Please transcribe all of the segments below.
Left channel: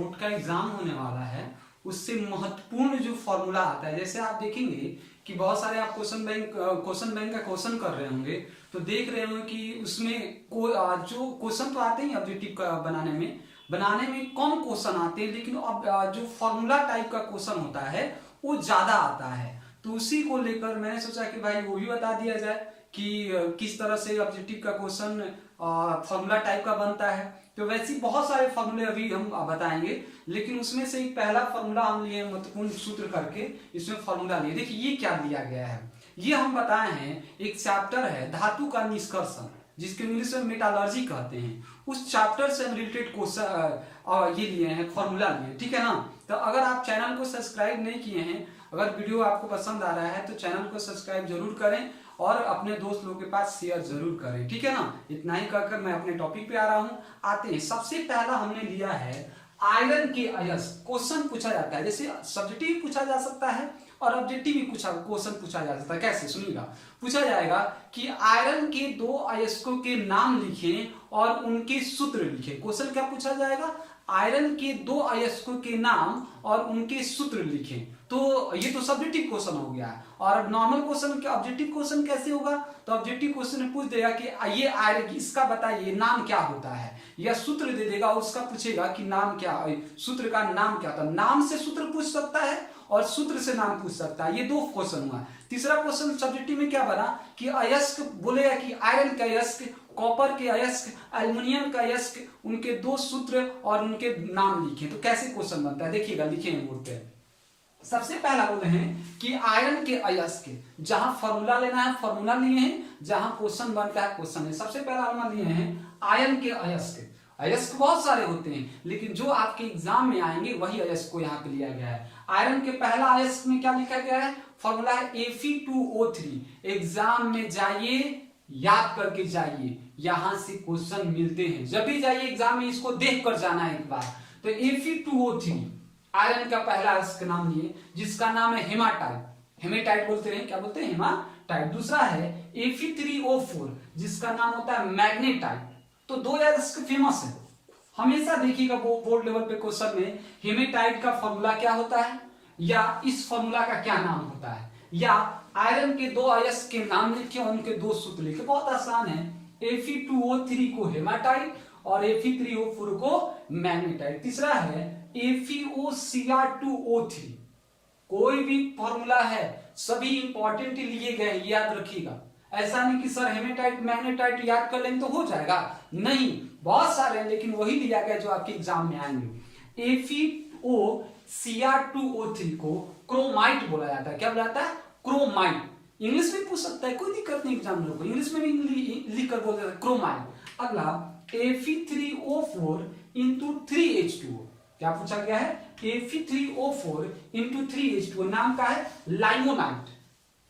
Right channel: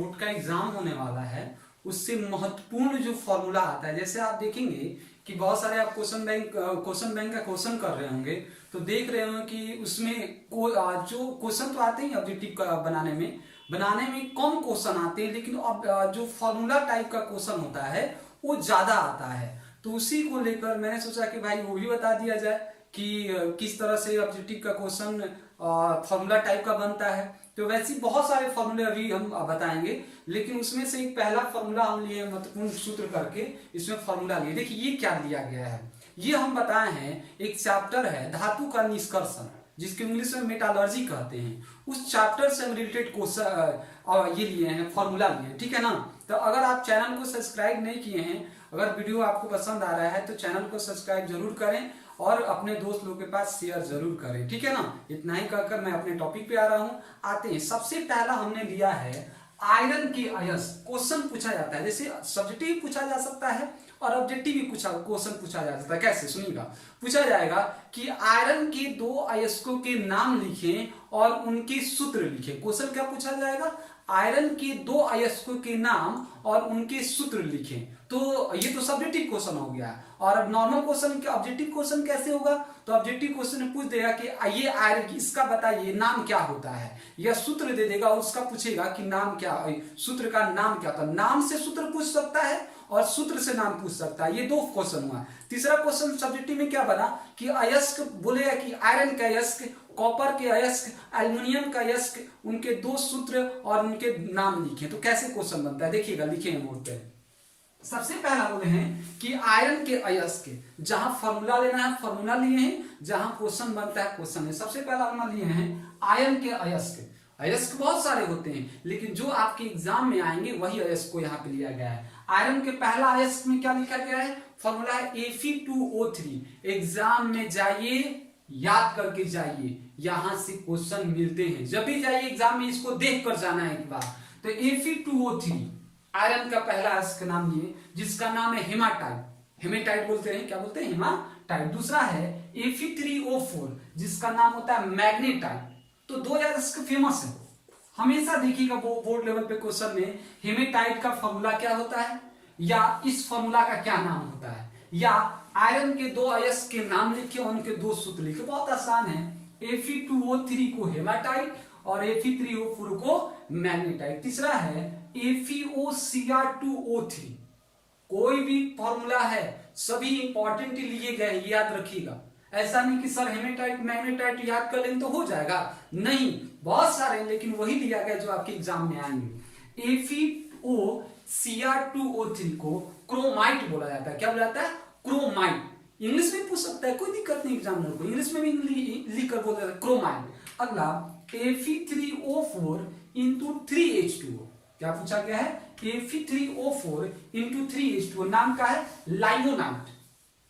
Board का exam होने वाला है उससे महत्वपूर्ण जो फॉर्मूला आता है, जैसे आप देखेंगे कि बहुत सारे आप क्वेश्चन बैंक का क्वेश्चन कर रहे होंगे तो देख रहे होंगे कि उसमें जो क्वेश्चन तो आते ही ऑब्जेक्टिव बनाने में कम क्वेश्चन आते हैं, लेकिन अब जो फॉर्मूला टाइप का क्वेश्चन होता है वो ज्यादा आता है। तो उसी को लेकर मैंने सोचा कि भाई वो भी बता दिया जाए कि किस तरह से ऑब्जेक्टिव का क्वेश्चन फॉर्मूला टाइप का बनता है। तो वैसे बहुत सारे फॉर्मूले अभी हम बताएंगे, लेकिन उसमें से एक पहला फॉर्मूला हम लिए महत्वपूर्ण सूत्र करके इसमें फॉर्मूला लिए। देखिए ये क्या दिया गया है, ये हम बताए हैं एक चैप्टर है धातु का निष्कर्षण, जिसके इंग्लिश में मेटालर्जी कहते हैं। उस चैप्टर से हम रिलेटेड क्वेश्चन ये लिए हैं, फॉर्मूला लिए, ठीक है ना। तो अगर आप चैनल को सब्सक्राइब नहीं किए हैं, अगर वीडियो आपको पसंद आ रहा है तो चैनल को सब्सक्राइब जरूर करें और अपने दोस्त लोगों के पास शेयर जरूर करें, ठीक है ना। इतना ही कहकर मैं अपने टॉपिक पे आ रहा हूं। आते हैं, सबसे पहला हमने लिया है आयरन के अयस्क। क्वेश्चन पूछा जाता है, जैसे सब्जेक्टिव पूछा जा सकता है और ऑब्जेक्टिव भी क्वेश्चन पूछा जा सकता है। कैसे सुनिएगा, पूछा जाएगा कि आयरन के दो अयस्कों के नाम लिखें और उनके सूत्र लिखें। क्वेश्चन क्या पूछा जाएगा, आयरन के दो अयस्कों के नाम और उनके सूत्र लिखें। तो ये तो सब्जेक्टिव क्वेश्चन हो गया। और अब नॉर्मल क्वेश्चन क्या, ऑब्जेक्टिव क्वेश्चन कैसे होगा, तो ऑब्जेक्टिव क्वेश्चन में पूछ देगा कि ये आयरन, इसका बताइए नाम क्या होता है, या सूत्र दे देगा और उसका पूछेगा कि नाम क्या, सूत्र का नाम क्या होता है। नाम से सूत्र पूछ सकता है और सूत्र से नाम पूछ सकता है। ये दो क्वेश्चन हुआ। तीसरा क्वेश्चन सब्जेक्टिव में क्या बना कि अयस्क बोलेगा कि आयरन का अयस्क, कॉपर के अयस्क, एल्युमिनियम का अयस्क, उनके दो सूत्र और उनके नाम लिखे। तो कैसे क्वेश्चन बनता है देखिएगा, लिखेंगे बोर्ड पे। सबसे पहला बोले हैं कि आयरन के अयस्क, जहां फॉर्मूला लेना है फॉर्मूला लिए हैं, जहां क्वेश्चन बनता है क्वेश्चन है। सबसे पहला हम लिए हैं आयरन के अयस्क। अयस्क बहुत सारे होते हैं, लेकिन जो आपके एग्जाम में आएंगे वही अयस्क को यहाँ पे लिया गया है। आयरन के पहला अयस्क में क्या लिखा गया है, फॉर्मूला है Fe2O3। एग्जाम में जाइए, याद करके जाइए, यहां से क्वेश्चन मिलते हैं। जब भी जाइए एग्जाम में इसको देख कर जाना है एक बार। तो Fe2O3 आयरन का पहला अयस्क नाम लिए, जिसका नाम है हेमाटाइट। हेमेटाइट बोलते हैं, क्या बोलते हैं, हेमाटाइट। दूसरा है Fe3O4, जिसका नाम होता है मैग्नेटाइट। तो दो अयस्क फेमस है, हमेशा देखिएगा बोर्ड लेवल पे क्वेश्चन में हेमेटाइट का फॉर्मूला क्या होता है, या इस फॉर्मूला का क्या नाम होता है, या आयरन के दो अयस्क के नाम लिखे और उनके दो सूत्र लिखे। बहुत आसान है, Fe2O3 को हेमाटाइट और Fe3O4 को मैग्नेटाइट। तीसरा है FeOCr2O3। कोई भी फॉर्मूला है सभी इंपॉर्टेंट लिए गए, याद रखिएगा। ऐसा नहीं कि सर हेमेटाइट मैग्नेटाइट याद कर लेंगे तो हो जाएगा, नहीं, बहुत सारे, लेकिन वही लिया गया जो आपके एग्जाम में आएंगे। FeOCr2O3 को क्रोमाइट बोला जाता है। क्या बोला जाता है, क्रोमाइट। इंग्लिश में पूछ सकता है, कोई दिक्कत नहीं एग्जामिनर को, इंग्लिश में भी लिख कर बोल देता है क्रोमाइट। अगला Fe3O4 इंटू 3H2O। क्या पूछा गया है, Fe3O4 इंटू 3H2O। नाम का है लाइमोनाइट,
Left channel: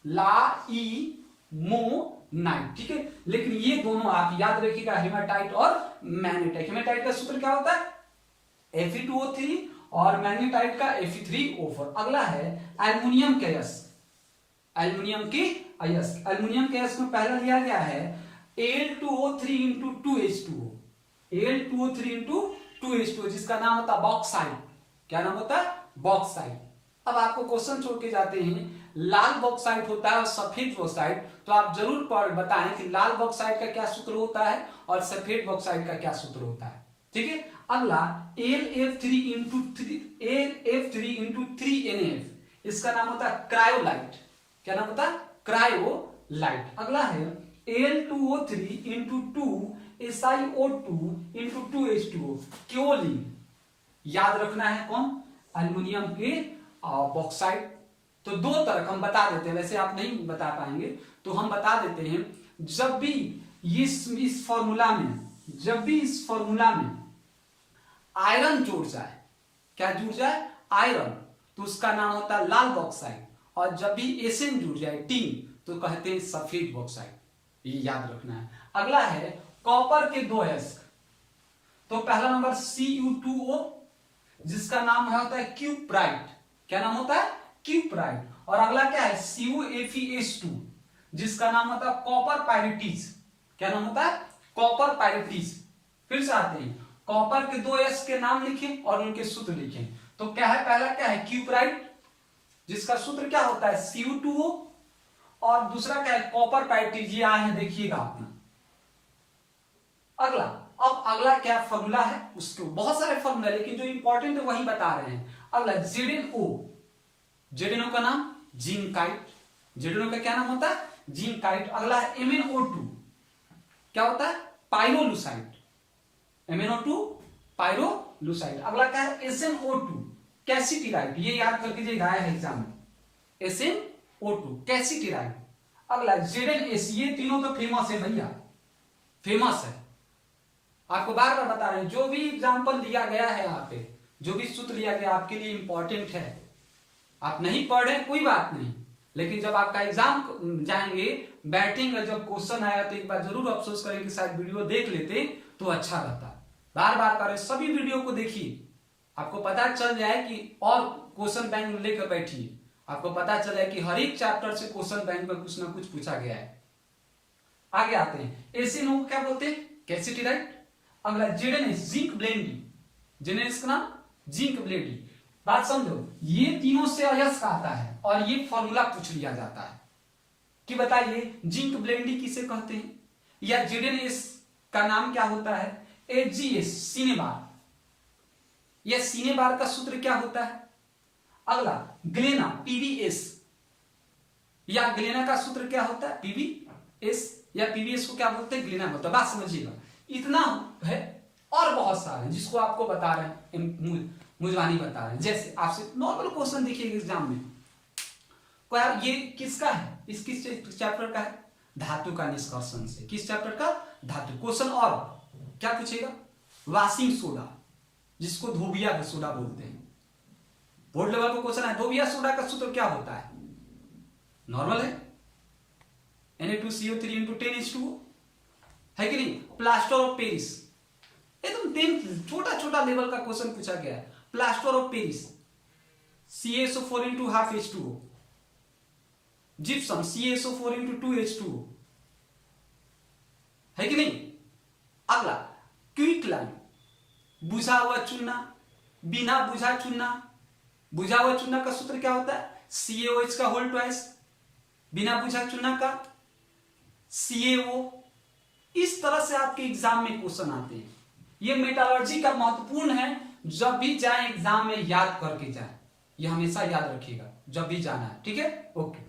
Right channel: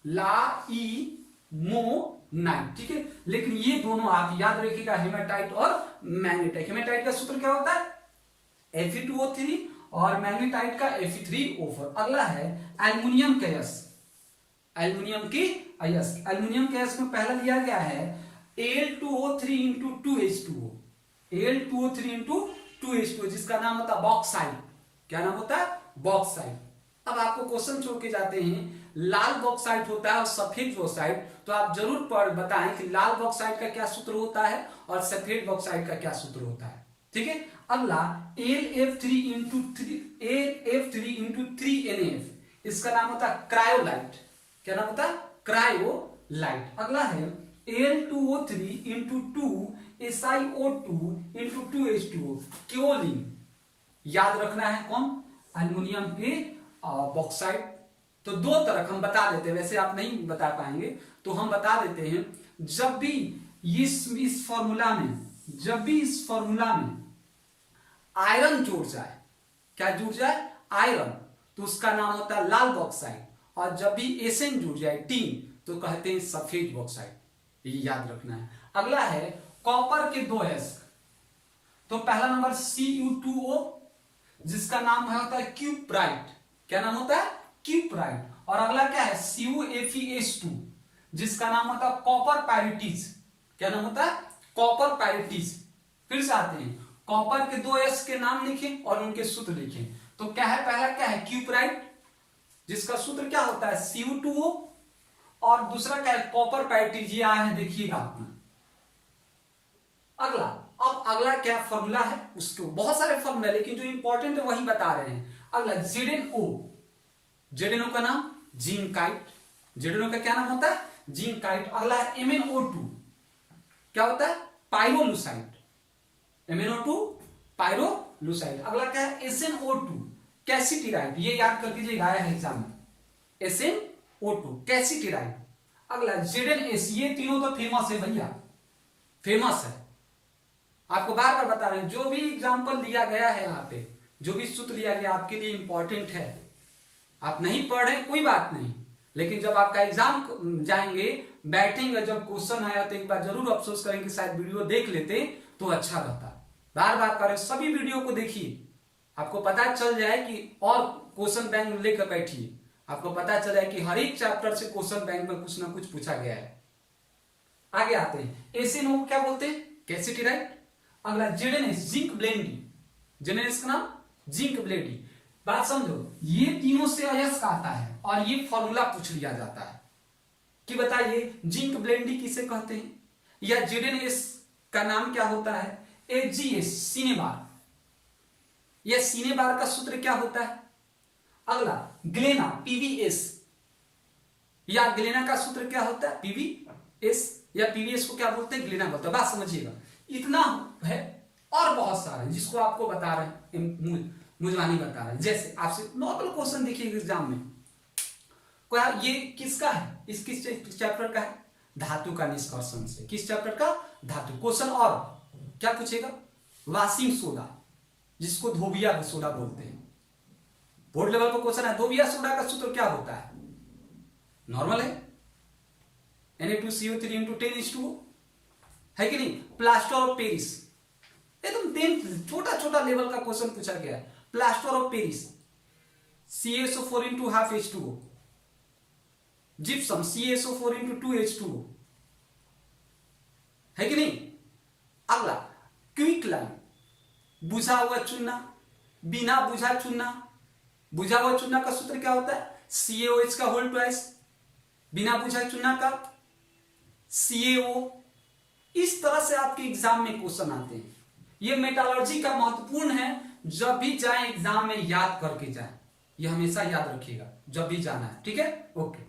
लाइमोनाइट, ठीक है। लेकिन ये दोनों आप याद रखिएगा, हेमाटाइट और मैग्नेटाइट। हेमाटाइट का सूत्र क्या होता है, Fe2O3, और मैग्नेटाइट का Fe3O4। अगला है एल्युमिनियम के अयस्क। एल्युमिनियम के अयस्क, एल्युमिनियम के अयस्क में पहला लिया गया है Al2O3 into 2H2O। Al2O3 into 2H2O, जिसका नाम होता है बॉक्साइट। क्या नाम होता है, बॉक्साइट। अब आपको क्वेश्चन छोड़ के जाते हैं, लाल बॉक्साइट होता है और सफेद बॉक्साइट। तो आप जरूर बताएं कि लाल बॉक्साइट का क्या सूत्र होता है और सफेद बॉक्साइट का क्या सूत्र होता है, ठीक है। अगला AlF3 इंटू 3NF, इसका नाम होता है क्रायोलाइट। क्या नाम होता है, क्रायोलाइट। अगला है Al2O3 into 2SiO2 into 2H2O, क्योलिन। याद रखना है कौन, एल्युमिनियम के बॉक्साइट। तो दो तरह हम बता देते हैं, वैसे आप नहीं बता पाएंगे तो हम बता देते हैं। जब भी इस फॉर्मूला में, जब भी इस फॉर्मूला में आयरन जुड़ जाए, क्या जुड़ जाए, आयरन, तो उसका नाम होता है लाल बॉक्साइट। और जब भी एसएन जुड़ जाए, टीन, तो कहते हैं सफेद बॉक्साइट। ये याद रखना है। अगला है कॉपर के दो अयस्क। तो पहला नंबर Cu2O, जिसका नाम होता है क्यूप्राइट। क्या नाम होता है, क्यूप्राइट। और अगला क्या है CuFeS2, जिसका नाम होता है कॉपर पायरिटीज। क्या नाम होता है, कॉपर पायरिटीज। फिर से आते हैं, कॉपर के दो एस के नाम लिखें और उनके सूत्र लिखें। तो क्या है, पहला क्या है, क्यूपराइट, जिसका सूत्र क्या होता है Cu2O, और दूसरा क्या है, कॉपर पाइट, ये आया है देखिएगा आपने। अगला, अब अगला क्या फॉर्मूला है, उसको बहुत सारे फॉर्मूला, लेकिन जो इंपॉर्टेंट है वही बता रहे हैं। अगला ZnO, ZnO का नाम जिंकाइट, ZnO का क्या नाम होता है, जिंकाइट। अगला है MnO2, क्या होता है, पाइरोलुसाइड, MnO2 पाइरोलुसाइड। अगला क्या है, SnO2 कैसिटिराइड, ये याद कर लीजिएगा, आया है एग्जाम में, SnO2 कैसिटिराइड। अगला ZnS, ये तीनों तो फेमस है भैया, फेमस है, आपको बार बार बता रहे हैं। जो भी एग्जाम्पल दिया गया है यहाँ पे, जो भी सूत्र लिया गया आपके लिए इंपॉर्टेंट है। आप नहीं पढ़ रहे कोई बात नहीं, लेकिन जब आपका एग्जाम जाएंगे, बैठेंगे, जब क्वेश्चन आया तो एक बार जरूर अफसोस करेंगे कि शायद वीडियो देख लेते तो अच्छा रहता। बार बार करें, सभी वीडियो को देखिए, आपको पता चल जाए कि, और क्वेश्चन बैंक लेकर बैठिए, आपको पता चल जाए कि हर एक चैप्टर से क्वेश्चन बैंक में कुछ ना कुछ पूछा गया है। आगे आते हैं, एसिनो को क्या बोलते हैं, कैसिटिराइड। अगला ZnS, जिंक ब्लेंडी, ZnS का नाम जिंक ब्लेंडी। बात समझो, ये तीनों से अयस्क आता है और ये फॉर्मूला पूछ लिया जाता है कि बताइए जिंक ब्लेंडी किसे कहते हैं, या ZnS का नाम क्या होता है, HgS, सिनेबार, यह सिनेबार का सूत्र क्या होता है। अगला ग्लेना, PvS, या ग्लेना का सूत्र क्या होता है, PvS, या PvS को क्या बोलते हैं, ग्लेना बोलते हैं। बात समझिएगा, इतना है, और बहुत सारे जिसको आपको बता रहे हैं, मुझवानी बता रहे हैं। जैसे आपसे नॉर्मल क्वेश्चन देखिए एग्जाम में, ये किसका है, इस किस चैप्टर का है, धातु का निष्कर्षण से। किस चैप्टर का, धातु। क्वेश्चन और क्या पूछेगा, वाशिंग सोडा, जिसको धोबिया सोडा बोलते हैं, बोर्ड लेवल पर क्वेश्चन है। धोबिया सोडा का सूत्र क्या होता है, नॉर्मल है, Na2CO3 × 10:2 है कि नहीं। प्लास्टर ऑफ पेरिस, एकदम 10 छोटा छोटा लेवल का क्वेश्चन पूछा गया है। Plaster of Paris, CaSO4 × 12H2O, gypsum CaSO4 × 2H2O, है कि नहीं। अगला क्विकलाइन, बुझा हुआ चूना, बिना बुझा चूना। बुझा हुआ चूना का सूत्र क्या होता है, CaOH का होल ट्वाइस, बिना बुझा चूना का CaO। इस तरह से आपके एग्जाम में क्वेश्चन आते हैं। ये मेटालर्जी का महत्वपूर्ण है, जब भी जाए एग्जाम में याद करके जाए, ये हमेशा याद रखिएगा जब भी जाना है, ठीक है, ओके।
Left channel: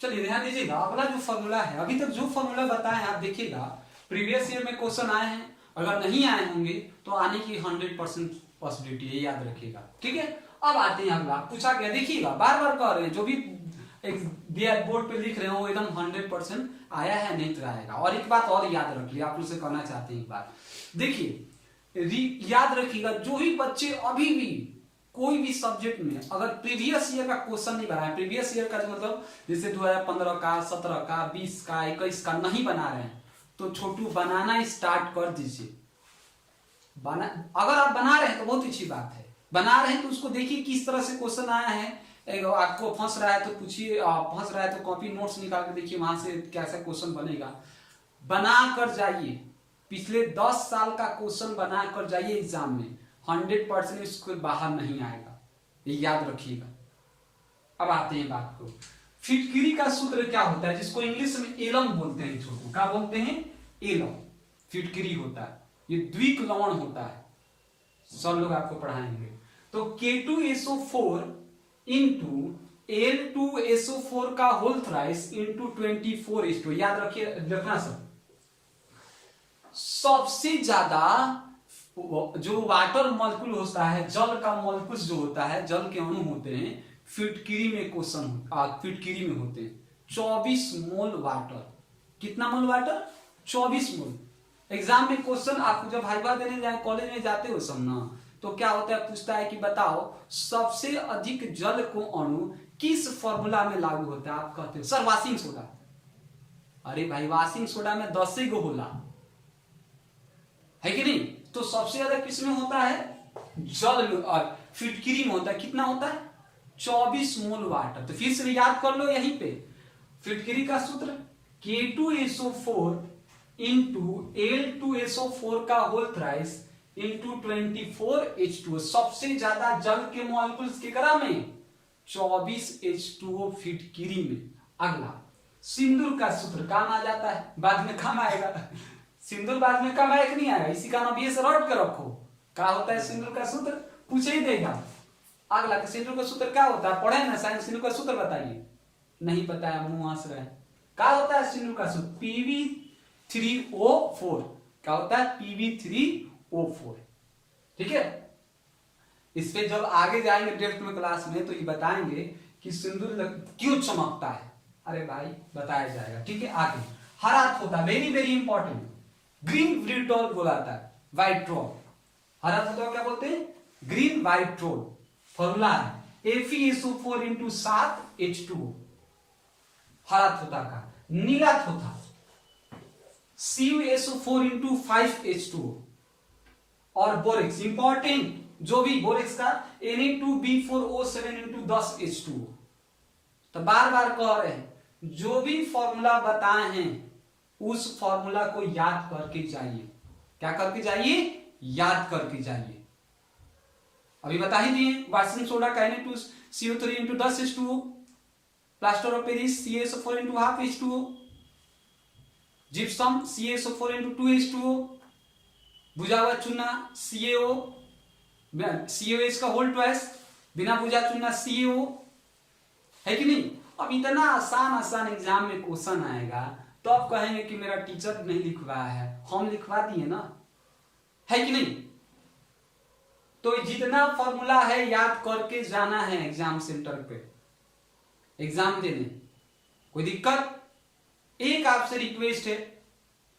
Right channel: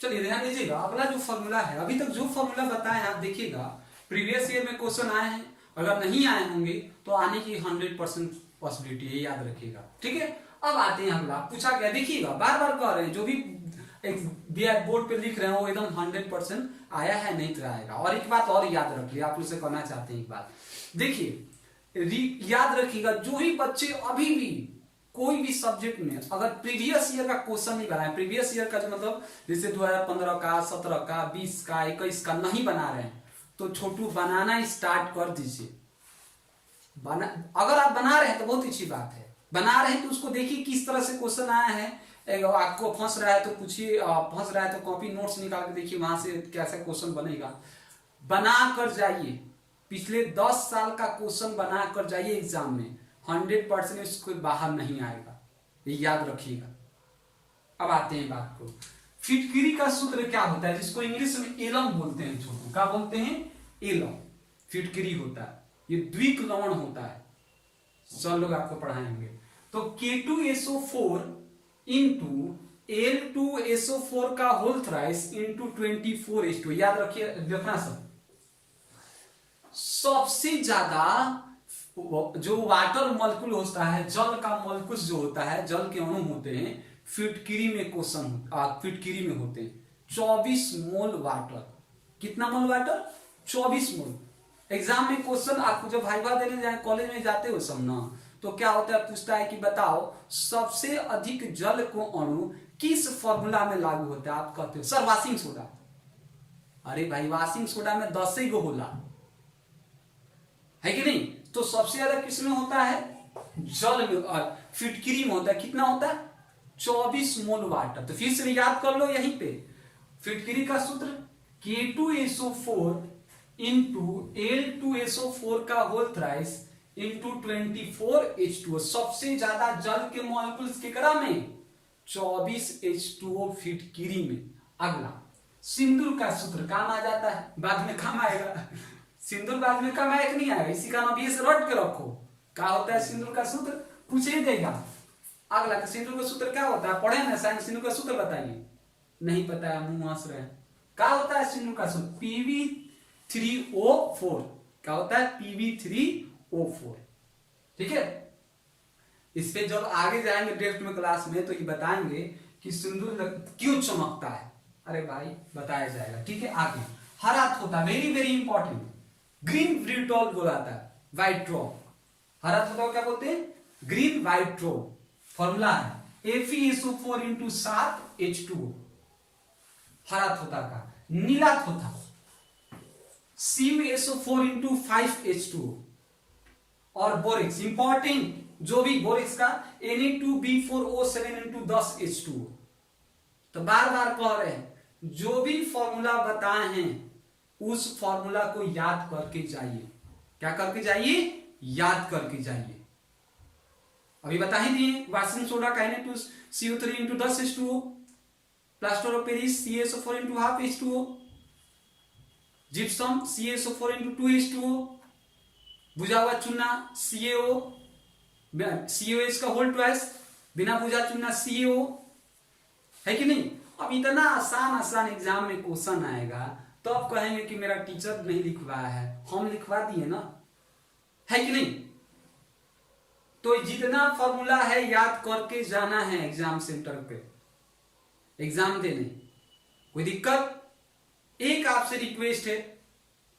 चलिए ध्यान दीजिएगा, अगला जो फॉर्मूला है, अभी तक जो फॉर्मूला बताए आप देखिएगा, प्रीवियस ईयर में क्वेश्चन आए हैं, अगर नहीं आए होंगे तो आने की 100% पॉसिबिलिटी है, याद रखिएगा, ठीक है। अब आते हैं अगला, पूछा गया, देखिएगा बार बार कह रहे हैं, जो भी बोर्ड पे लिख रहे हैं वो एकदम 100% आया है, नहीं तो आएगा। और एक बात और याद रखिए, आप उसे कहना चाहते हैं एक बात, देखिए याद रखिएगा, जो भी बच्चे अभी भी कोई भी सब्जेक्ट में अगर प्रीवियस ईयर का क्वेश्चन नहीं बनाए, प्रीवियस ईयर का जो मतलब जैसे 2015 का, 17 का, 20 का, 21 का नहीं बना रहे हैं, तो छोटू बनाना स्टार्ट कर दीजिए। अगर आप बना रहे हैं तो बहुत अच्छी बात है, बना रहे हैं तो उसको देखिए किस तरह से क्वेश्चन आया है। आपको फंस रहा है तो पूछिए, फंस रहा है तो कॉपी नोट्स निकाल के देखिए, वहां से कैसा क्वेश्चन बनेगा, बना कर जाइए। पिछले 10 साल का क्वेश्चन बना कर जाइए एग्जाम में, 100% इसको बाहर नहीं आएगा, ये याद रखिएगा। अब आते हैं बात को, फिटकिरी का सूत्र क्या होता है, जिसको इंग्लिश में एलम बोलते हैं, छोटू क्या बोलते हैं, एलम फिटकिरी होता है, ये द्विक लवण होता है, सब लोग आपको पढ़ाएंगे। तो K2SO4 × L2SO4 का होल थ्राइस × 24H2, याद रखिए, देखना सबसे ज्यादा जो वाटर मॉलिक्यूल होता है, जल का मॉलिक्यूल जो होता है, जल के अणु होते हैं, फिटकिरी में फिटकिरी में होते हैं 24 मोल वाटर। कितना मोल वाटर, 24 मोल। एग्जाम में क्वेश्चन आपको जब वाइवा देने जाए, कॉलेज में जाते हो सब ना, तो क्या होता है, पूछता है कि बताओ सबसे अधिक जल को अणु किस फॉर्मूला में लागू होता है, आप कहते हो सर वाशिंग सोडा। अरे भाई वाशिंग सोडा में 10 ही गो होला, है कि नहीं। तो सबसे ज्यादा किस में होता है, जल में, और फिटकिरी में होता है, कितना होता है, 24 मोल वाटर। तो फिर से याद कर लो यहीं पे, फिटकिरी का सूत्र K2SO4 × L2SO4 का होल थ्राइस इंटू 24H2O। सबसे ज्यादा जल के मॉलिक्यूल्स केकरा में? 24H2O फिटकिरी में। अगला सिंदूर का सूत्र काम आ जाता है, बाद में काम आएगा। सिंदूर बाद में काम आएगा, नहीं आएगा, इसी का नाम ये से रट के रखो। क्या होता है सिंदूर का सूत्र? पूछ ही देगा। अगला सिंदूर का सूत्र क्या होता है? पढ़े ना साइंस, सिंदूर का सूत्र बताइए। नहीं पता है, मुंह हंस रहे हैं। क्या होता है सिंदूर का सूत्र? Pb3O4। क्या होता है? Pb3O4। ठीक है, इस पे जब आगे जाएंगे ड्रिफ्ट में क्लास में तो ये बताएंगे कि सिंदूर क्यों चमकता है। अरे भाई बताया जाएगा, ठीक है। आगे हरा तोता, very very important, green vitriol बोलाता है, व्हाइट ट्रोल। हरा तोता क्या बोलते हैं? Green white troll. फॉर्मूला है FeSO4 इंटू 7H2O, हरा तोता का। नीला तोता CuSO4 इंटू 5H2O। और बोरेक्स इंपॉर्टेंट, जो भी बोरेक्स का Na2B4O7 इंटू 10H2O। तो बार बार कह रहे हैं, जो भी फॉर्मूला बताए हैं उस फॉर्मूला को याद करके जाइए। क्या करके जाइए? याद करके जाइए। अभी बता ही दिए, वाशिंग सोडा का Na2CO3 into 10H2O, plaster of Paris CaSO4 into 12H2O, gypsum CaSO4 into 2H2O, बुझा हुआ चूना CaOH का होल ट्वाइस, बिना बुझा चूना CaO, है कि नहीं। अब इतना आसान एग्जाम में क्वेश्चन आएगा तो आप कहेंगे कि मेरा टीचर नहीं लिखवाया है, हम लिखवा दिए ना, है कि नहीं। तो जितना फॉर्मूला है याद करके जाना है एग्जाम सेंटर पे, एग्जाम देने। कोई दिक्कत? एक आपसे रिक्वेस्ट है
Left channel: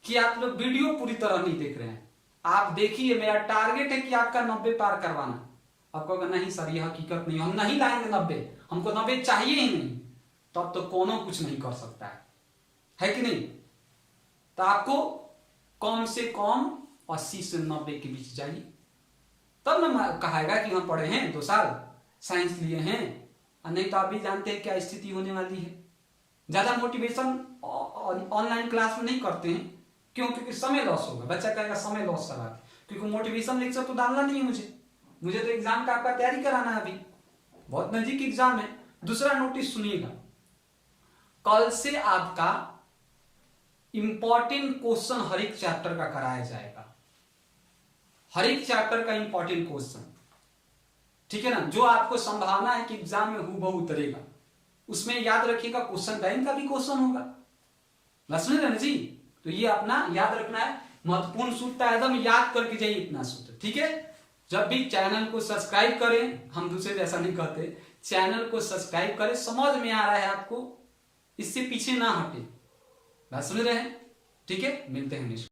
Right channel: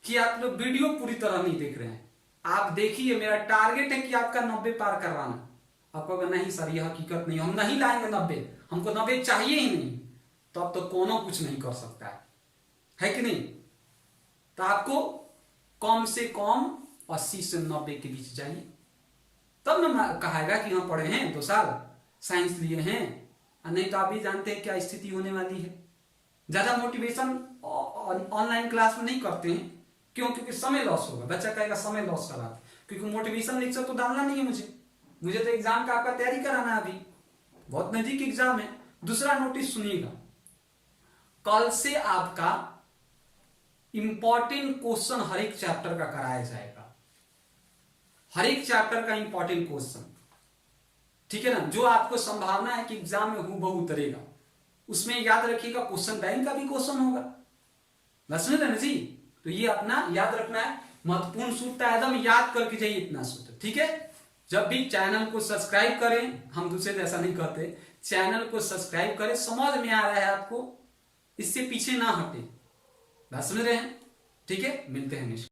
कि आप लोग वीडियो पूरी तरह नहीं देख रहे हैं। आप देखिए, मेरा टारगेट है कि आपका 90 पार करवाना। आप कहोगे नहीं सर ये हकीकत नहीं, हम नहीं लाएंगे 90, हमको 90 चाहिए ही नहीं, तो अब तो कोनो कुछ नहीं कर सकता है कि नहीं। तो आपको कम से कम 80 से 90 के बीच जाइए, तब ना कहेगा कि हम पढ़े हैं 2 साल साइंस लिए हैं। नहीं तो आप भी जानते हैं क्या स्थिति होने वाली है। ज्यादा मोटिवेशन ऑनलाइन क्लास में नहीं करते हैं, क्यों? क्योंकि समय लॉस होगा। बच्चा कहेगा समय लॉस करा, क्योंकि मोटिवेशन लेक्चर तो डालना नहीं है मुझे तो एग्जाम का आपका तैयारी कराना है। अभी बहुत नजदीक एग्जाम है। दूसरा नोटिस सुनिएगा, कल से आपका इंपॉर्टेंट क्वेश्चन हर एक चैप्टर का कराया जाएगा, हर एक चैप्टर का इंपॉर्टेंट क्वेश्चन, ठीक है ना। जो आपको संभावना है कि एग्जाम में हूबहू उतरेगा, उसमें याद रखिएगा क्वेश्चन बैंक का भी क्वेश्चन होगा। समझ रहे ना जी। तो ये अपना याद रखना है, महत्वपूर्ण सूत्र एकदम याद करके जाइए इतना सूत्र, ठीक है। जब भी चैनल को सब्सक्राइब करें, हम दूसरे जैसा नहीं कहते, चैनल को सब्सक्राइब करें। समझ में आ रहा है आपको, इससे पीछे ना हटे, बात समझ रहे हैं, ठीक है। मिलते हैं नेक्स्ट।